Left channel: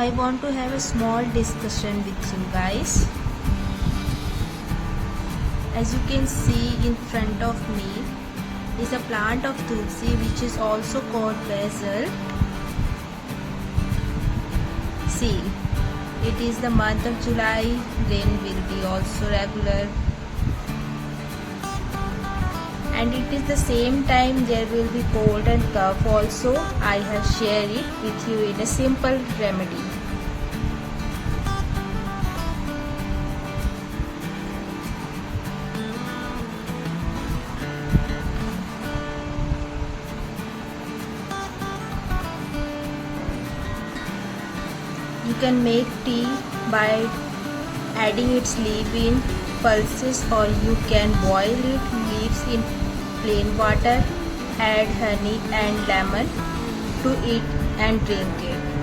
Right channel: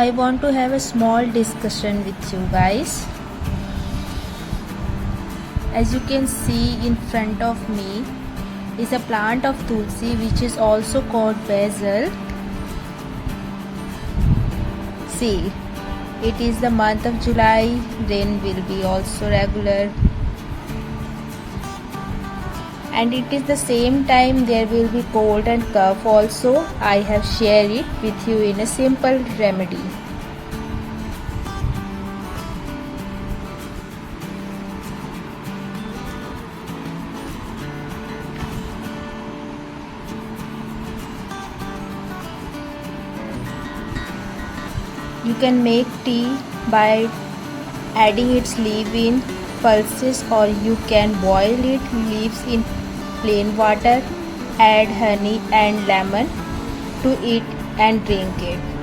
I want to have a small discussion with you guys. As you can see in front of me is a plant of Tulsi, which is also called basil. See, it is the month of July, rain will be also regular, and it is the same time there will be cold and cough also. I have shared it with you in a simple remedy. You can make tea by adding its leaf in pulses, or you can boil it leaves in plain water, add honey and lemon to it and drink it.